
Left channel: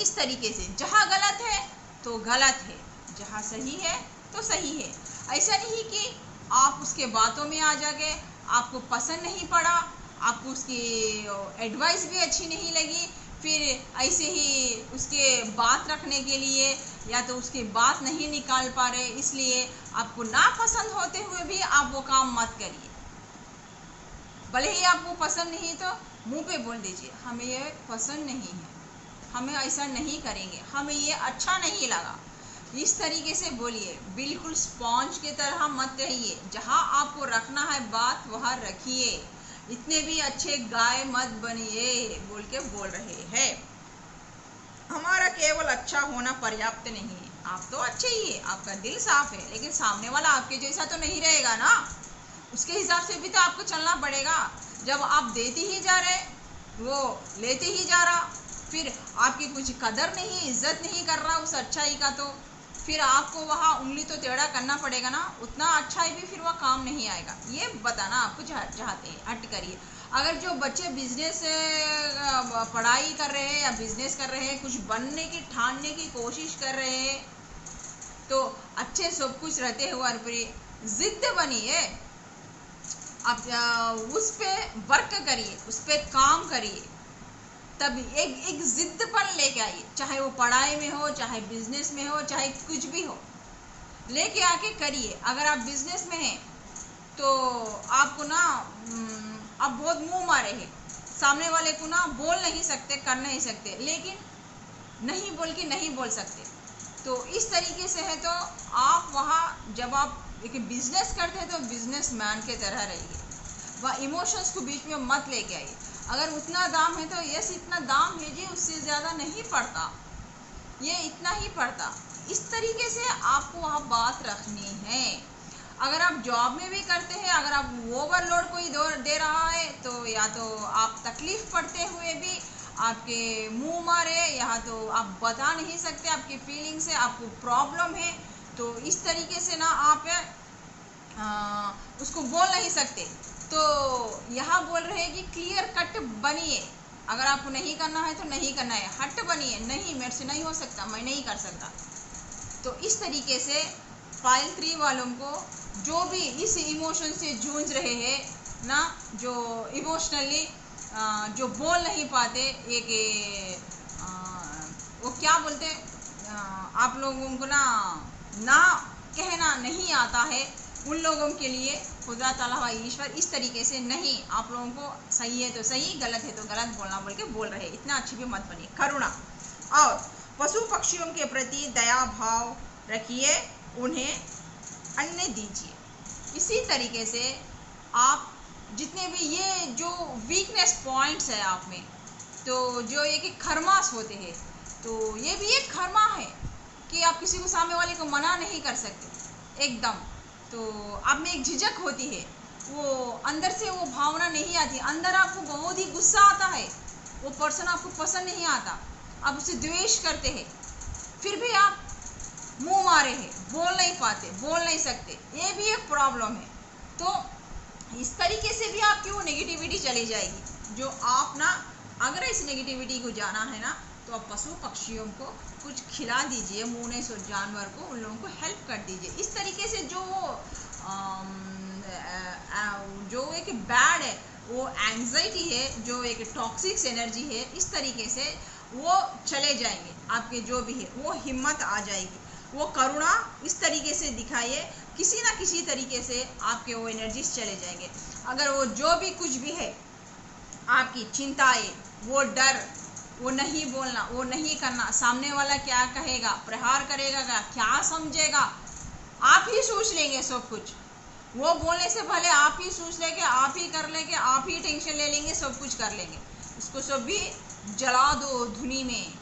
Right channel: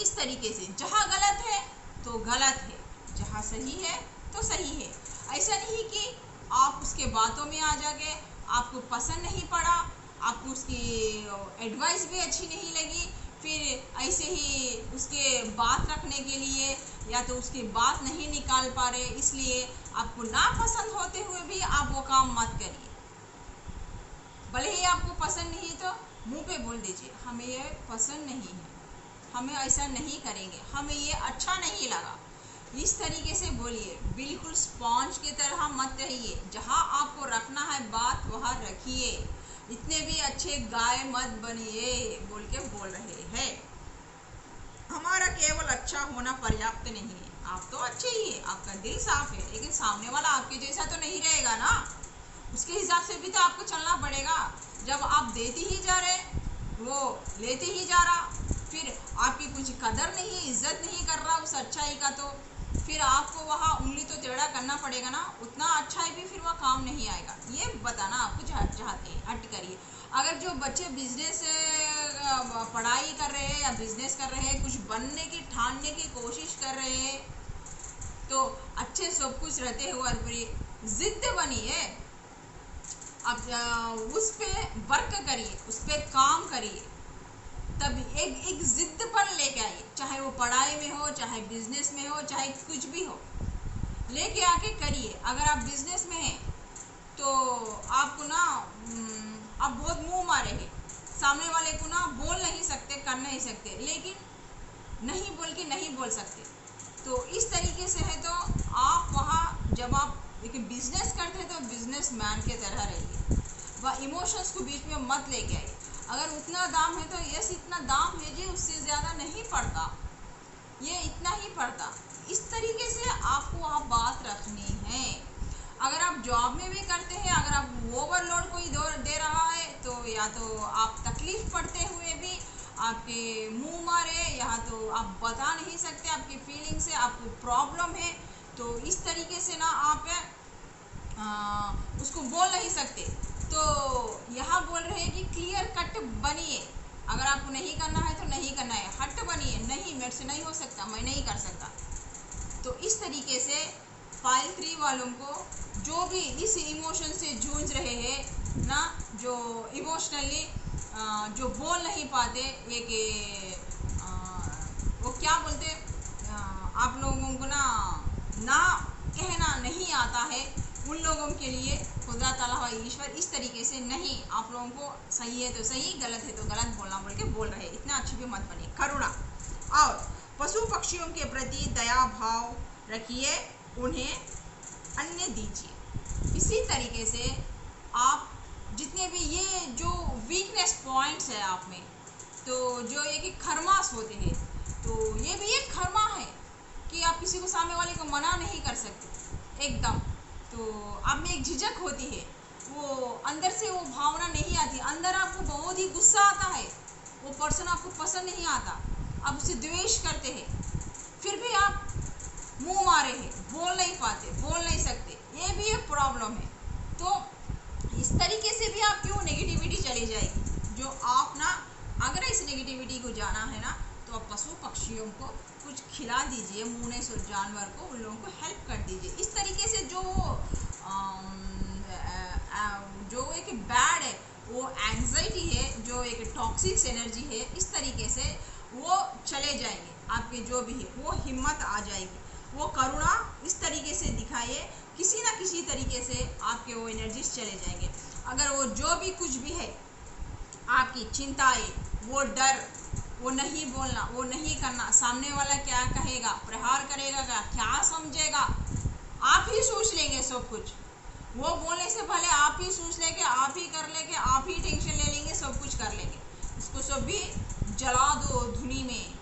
इस तरीके से जहाँ गलत है तो गलत है, जहाँ सही है तो सही है। ऐसा नहीं कि आप उसके बातों में आ जाके, आपको पसंद नहीं पड़ा, आपको उसकी एडवाइस भी अच्छी नहीं लगी, फिर ऐसे ही उसके बात रखने के लिए या तो उसकी बात नहीं निकाल पा रहे, इसलिए आपको ना पसंद होते हुए भी आप वो काम मत करिए। भले ही आपको पसंद नहीं तो मुंह पे बोल दीजिए हमें ये पसंद नहीं है, हमें ऐसा नहीं करेंगे, हमें ये अच्छा नहीं लगा। इस तरीके से बोलिए, बिल्कुल स्पॉन्ज की तरह मत रहिए। जहाँ आपको रखना है बात वहाँ रखिए, इतने भी अच्छे गाय मत बनिए बोल के बोल रहे हैं। हमारा केवल अच्छा होना पर्याप्त नहीं है। आप तो अच्छे ही है, आपका दिल साफ है, लेकिन सामने वाला आपके जैसा तो नहीं रहेगा ना, उसके हिसाब से भी तो आपको चलना पड़ेगा। जब आप देते ही जा रहे, वो लेते ही जा रहा, फिर आपकी कुछ कदर नहीं, इज्जत नहीं कर रहा उस अच्छाई का, तो फिर आपको वहाँ उंगली तो टेढ़ा करना पड़ेगा ना। उतना अच्छाई भी फिर वह काम नहीं आएगा। ये बताना आपको चाहते हैं, हट करिए। अगर जो बच्चे बिजनेस पढ़ाई कर रहे हैं या बिजनेस कर रहे हैं, कुछ बनने की ठानने की कोशिश कर रहे हैं, तो अच्छे सब कुछ रहते हुए पर जिद बनिए, आप उस पे वर्क करिए, उस पे काम करिए, तब एक जिद्दपन लेके आइए। चाहे वो पढ़ाई में हो, चाहे बिजनेस में हो, चाहे कुछ भी हो, लेके आके करिए। अगर आप बिजनेस में हैं तो आपको ना आप बहुत मुंह मारे हैं, सामने वाले को ना बोल नहीं सकते, कर नहीं सकते, लेकिन नहीं बोल के नहीं बोल सकते। तो इस तरीके से है। तो आप वहाँ जब आप एक बिजनेस करते हैं तो बिजनेस मैन के तरह रहिए, वह इमोशंस को बीच में मत लेके आइए। अगर उतना दाम है तो यस इतना दाम है जी, उससे ज़्यादा नहीं पड़ता, ये इतना ही पड़ता। इस तरीके से आपको वहाँ बात रखनी है। अगर आप जॉब में भी करते हैं, अगर आप ओवरलोड कोई दे रहा है तो या तो आप तकलीफ पड़ते हुए भी आपके मुंह मारे, या तो आप बता नहीं सकते आपकी फीलिंग से, आपको प्रॉब्लम है, तो इस तरीके से ना आप उसको बोल नहीं सकते। तो यहाँ बोल रहे हैं कि क्लियर कट बनिए। अगर आपको नहीं करना है तो नहीं करना है, हट बनिए, नहीं मेरे से नहीं हो सकता, मैं नहीं कर सकता। तो इस तरीके से पाइल 3 वालों को जो भी इस इमोशन से जूझ रहे हैं ना, जो इमोशनली जो बोल नहीं पाते, एक वो क्या बोलते आप लोगों को ना कहना नहीं आता है, उन लोगों के लिए खुदा ताला व ईश्वर इस तरीके से नहीं, आप लोगों को सही है तो सही, गलत है तो गलत बोलना बोल के बोल रहे हैं। इतना अच्छी भी मत बनिए। करुणा और पशु पक्षियों के प्रति दया भाव रखिए, उन्हें अन्न दीजिए। इसी तरीके से आप जितने भी ये जो वीकनेस पॉइंट्स है आप में, तो जो ये कि खरमास होते हैं, तो ये भी एक खरमा है कि आप किसी को सामने वाले को मना नहीं कर सकते एकदम। तो आप में एक झिझक होती है, वो अंदर से वो भावना नहीं आती, अंदर आपको बहुत ही गुस्सा आता है, वो पर्सन आपको पसंद नहीं आता, आप उसे द्वेष करते हैं, फिर भी आप मुंह मारे हैं, बोल नहीं पाते, बोल नहीं सकते, ये भी एक प्रॉब्लम है। तो इस तरीके से भी आप क्यों नेगेटिविटी चली जाएगी। जो आप ना अगर इस नेगेटिविटी को जाना है ना, तो आप पशु पक्षियों को कुछ खिला दीजिए, मुँह से जानवर को, उन लोगों को हेल्प कर दीजिए। इस तरीके से जो एक बैड है, वो एंजाइटी है, जो एक टॉक्सिक एनर्जी है, इस तरीके से वो चले जाएंगे। आपके जो भी है वो हिम्मत आ जाएगी। वो करुणा इस तरीके से दिखाइए, किसी ना किसी तरीके से आपके वो एनर्जीज चले जाएंगे। अगर वो जो भी कुछ भी है, आपकी चिंताएं, वो डर, वो नहीं बोलना, वो नहीं करना, सामने वाला क्या कहेगा, प्रहार करेगा, क्या समझेगा, आप ही सोच लेंगे सब कुछ। वो बोलने से भले आप ही सोच लेंगे, आप ही कर लेंगे, आप ही टेंशन ले लेंगे, सब कुछ कर लेंगे। इसको सब भी जला दो धुनी में।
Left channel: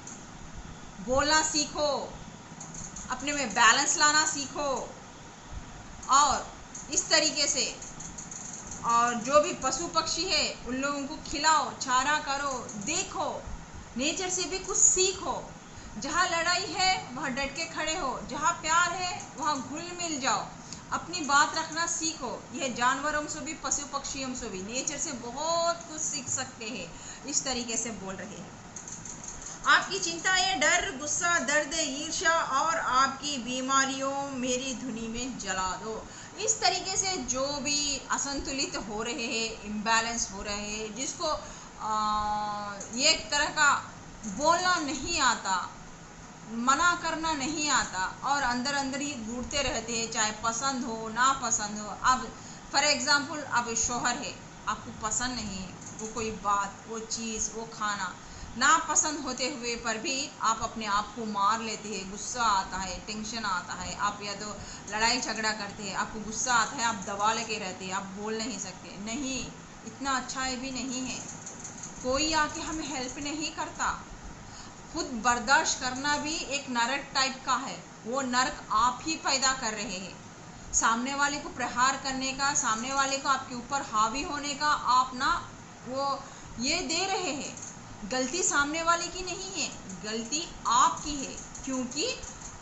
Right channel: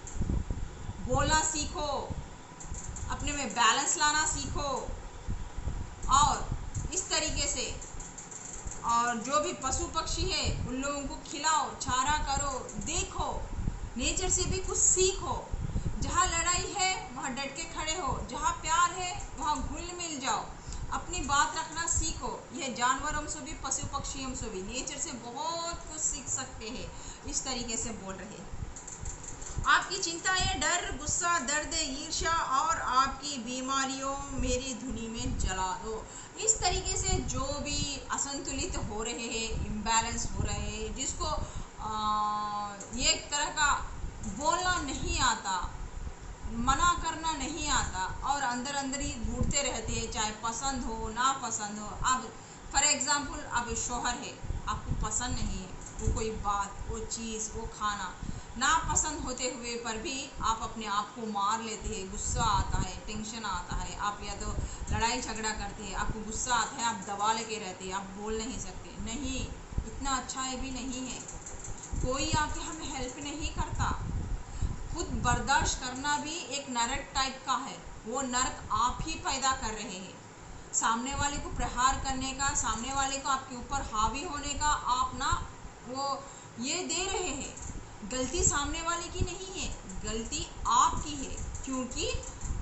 बोलना सीखो, अपने में बैलेंस लाना सीखो, और इस तरीके से और जो भी पशु पक्षी है उन लोगों को खिलाओ, चारा करो, देखो, नेचर से भी कुछ सीखो। जहाँ लड़ाई है वहाँ डट के खड़े हो, जहाँ प्यार है वहाँ घुल मिल जाओ, अपनी बात रखना सीखो। यह जानवरों से भी, पशु पक्षियों से भी, नेचर से बहुत कुछ सीख सकते हैं। इस तरीके से बोल रहे हैं। आपकी चिंताएं, डर, गुस्सा, दर्द, ईर्ष्या और आपकी बीमारियों मेरी धुनी में जला दो। इस तरीके से जो भी असंतुलित हो रहे हैं, इम्बैलेंस हो रहे हैं, जिसको ये एक तरह का बोलना नहीं आता, मना करना नहीं आता, और अंदर अंदर ही घूरते रहते हैं, चाहे पसंद हो ना पसंद हो। अब फॉर एग्जांपल, अब शौहर है, आपको पसंद नहीं है वो कोई बात, वो चीज़, वो खाना, ना पसंद होते हुए पर भी आप अपने आप को मार लेते हैं, गुस्सा आता है, टेंशन आता है, आप या तो लड़ाई झगड़ा करते हैं, आपको गुस्सा आता है, आप दबा लेके रहते हैं, आप बोल नहीं सकते। नहीं, इतना अच्छा है भी नहीं है, कोई आके हमें हेल्प नहीं करता। खुद बर्दाश्त करना भी एक नरक टाइप का है, वो नरक आप ही पैदा कर रहे हैं। सामने वाले को प्रहार करने का, सामने वाले को आपके ऊपर हावी होने का आप ना वो ये दे रहे हैं। गलती सामने वाले की नहीं है, गलती आपकी है, क्योंकि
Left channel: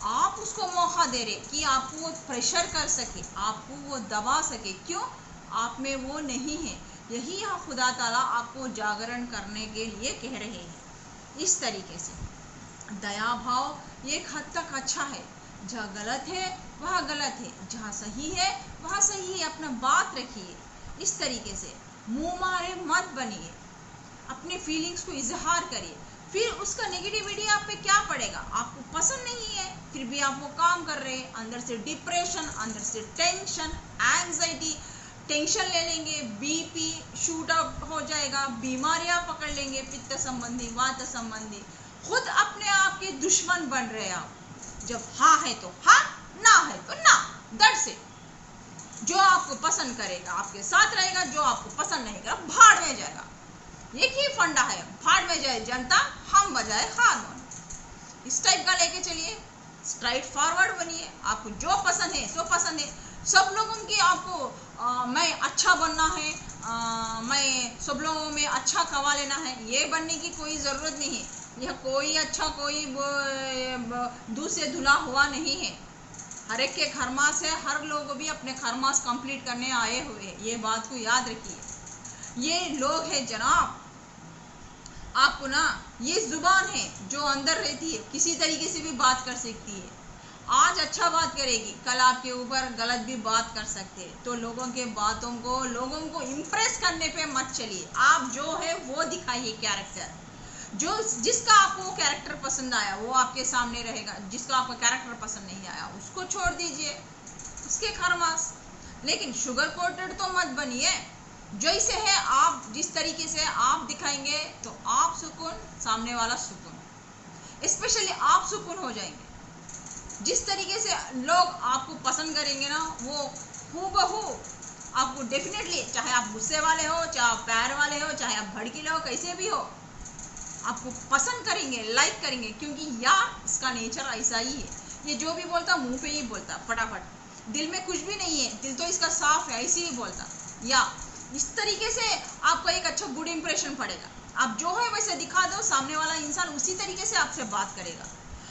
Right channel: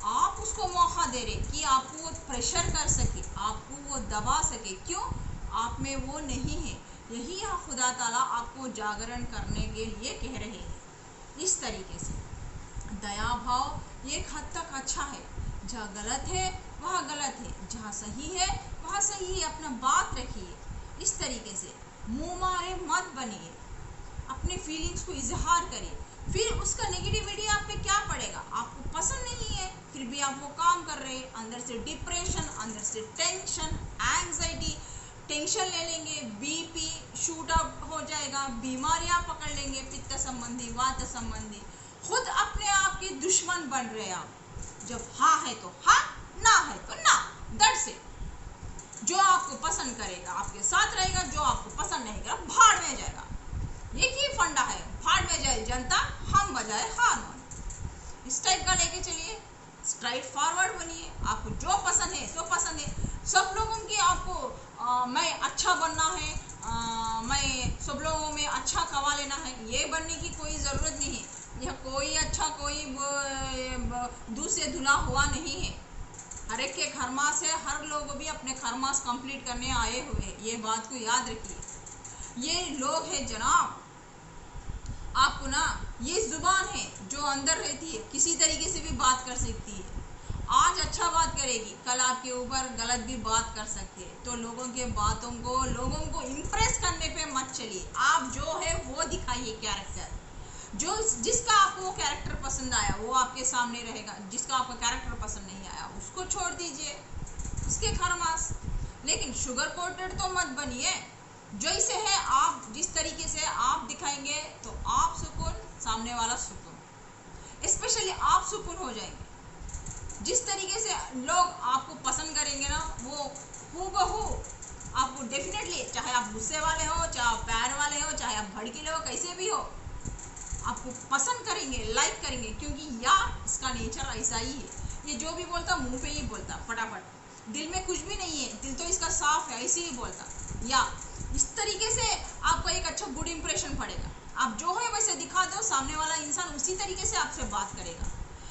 आप उसको मौका दे रहे कि आपको वो प्रेशर कर सके, आपको वो दबा सके। क्यों? आप में वो नहीं है। यही यहाँ खुदा ताला आपको जागरण करने के लिए कह रहे हैं। इस तरीके से दया भाव एक हद तक अच्छा है। जहाँ गलत है वहाँ गलत है, जहाँ सही है वहाँ सही है, अपना बात रखिए। इस तरीके से मुँह मारे मत बनिए, अपनी फीलिंग्स को इजहार करिए। फिर उसका नेगेटिविटी आप पे क्या पड़ेगा, आपको पसंद नहीं है, फिर भी आप वो काम कर रहे हैं, अंदर से डिप्रेशन, अंदर से टेंशन, एंजाइटी, टेंशन ले लेंगे, बीपी शूट आउट हो जाएगा, बीमारियां पकड़ लेंगे, पित्त संबंधी, वात संबंधी, खुद अपने आप के दुश्मन बन रहे आप। जब हाँ है तो हाँ, ना है तो ना, दर्द से। जो आपको पसंद करेगा आपके साथ रहेगा, जो आपको पसंद नहीं करेगा भाड़ में जाएगा। एक ही फंडा है, भाड़ में जाए जनता, हम बजाए हारमोन। इस टाइप का लेके चलिए, स्ट्राइट फॉरवर्ड बनिए। आपको जो पसंद है सो पसंद है। सब लोगों की आपको मैं अच्छा बनना है, मैं सब लोगों में अच्छा खवा लेना है, ये बनने की कोई ज़रूरत नहीं है। यह कोई अच्छा कोई दूध से धुला हुआ नहीं है। हर एक के खरमास है, हर लोग भी अपने खरमास कंप्लीट करने आए हुए हैं, ये बात को याद रखिए। ये लोग हैं जनाब, आपको ना ये जुबान है जो अंदर रहती है, किसी तरीके से भी बात कर सकती है। आज अच्छा बात करेगी, कल आपके ऊपर गलत भी बात कर सकते हैं। तो लोगों के बातों को, लोगों को इम्प्रेस करने पे मत चलिए। आप जो है वो दिखाइए कैरेक्टर। जो जिसका आपको कैरेक्टर पसंद आया वो आपके सामने रहेगा, जिसका आपको कैरेक्टर पसंद नहीं आया उसको छोड़ दीजिए, उसके खरमास। लेकिन शुगर कोटेड तो मत बनिए। जैसे है आप, जिस तरीके से आप दिखाएंगे तो आप सुकून, सामने वाला सुकून। स्पेशली आप सुकून हो जाएंगे। जिस तरीके से लोग आपको पसंद करेंगे ना, वो हूबहू आपको डेफिनेटली, चाहे आप गुस्से वाले हो, चाहे आप प्यार वाले हो, चाहे आप भड़कीले हो, कैसे भी हो, आपको पसंद करेंगे, लाइक करेंगे। क्योंकि यार इसका नेचर ऐसा ही है, ये जो भी बोलता मुंह पे ही बोलता फटाफट, दिल में कुछ भी नहीं है, दिल तो इसका साफ है, ऐसे ही बोलता। या इस तरीके से आपको एक अच्छा गुड इंप्रेशन पड़ेगा। आप जो है वैसे दिखा दो, सामने वाला इंसान उसी तरीके से आपसे बात करेगा।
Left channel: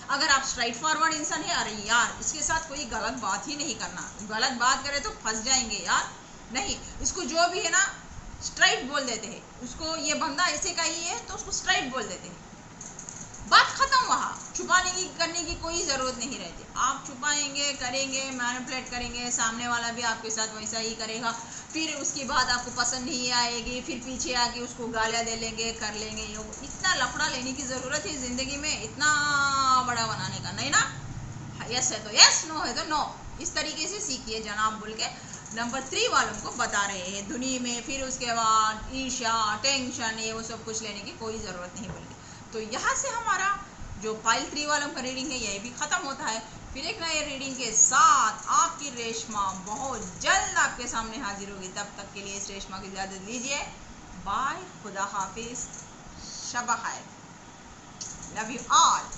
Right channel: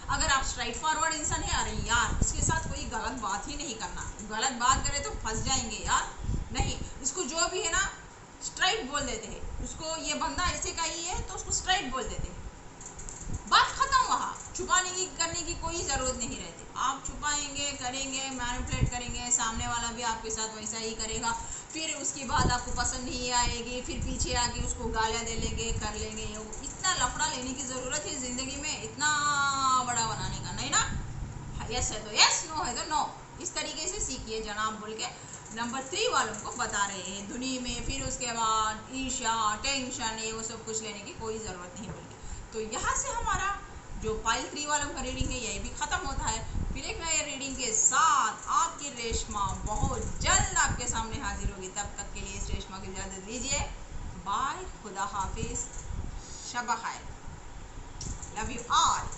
अगर आप स्ट्राइट फॉरवर्ड इंसान है, अरे यार इसके साथ कोई गलत बात ही नहीं करना, गलत बात करे तो फंस जाएंगे यार, नहीं, इसको जो भी है ना स्ट्राइट बोल देते हैं। उसको ये बंदा ऐसे का ही है तो उसको स्ट्राइट बोल देते हैं, बात खत्म। वहाँ छुपाने की करने की कोई ज़रूरत नहीं रहती। आप छुपाएंगे, करेंगे, मैनिपुलेट करेंगे, सामने वाला भी आपके साथ वैसा ही करेगा। फिर उसकी बात आपको पसंद नहीं आएगी, फिर पीछे आके उसको गालियाँ दे लेंगे, कर लेंगे। इतना लफड़ा लेने की ज़रूरत है ज़िंदगी में, इतना बड़ा बनाने का नहीं ना। यस है तो यस, नो है तो नो। इस तरीके से सीखिए जनाब बोल के नंबर 3 वालों को बता रहे हैं दुनिया में। फिर उसके बाद ईर्ष्या, टेंशन, ये वो सब कुछ लेने की कोई ज़रूरत नहीं बोल के। तो यहाँ से हमारा जो पाइल 3 वालों का रीडिंग है यही भी ख़त्म होता है। फिर एक नए रीडिंग के साथ आपकी रेशमा बहुत जल्द आपके सामने हाजिर होगी। तब तक के लिए इस रेशमा की इजाज़त लीजिए। बाय, खुदा हाफिज़, शब खैर, लव यू ऑल।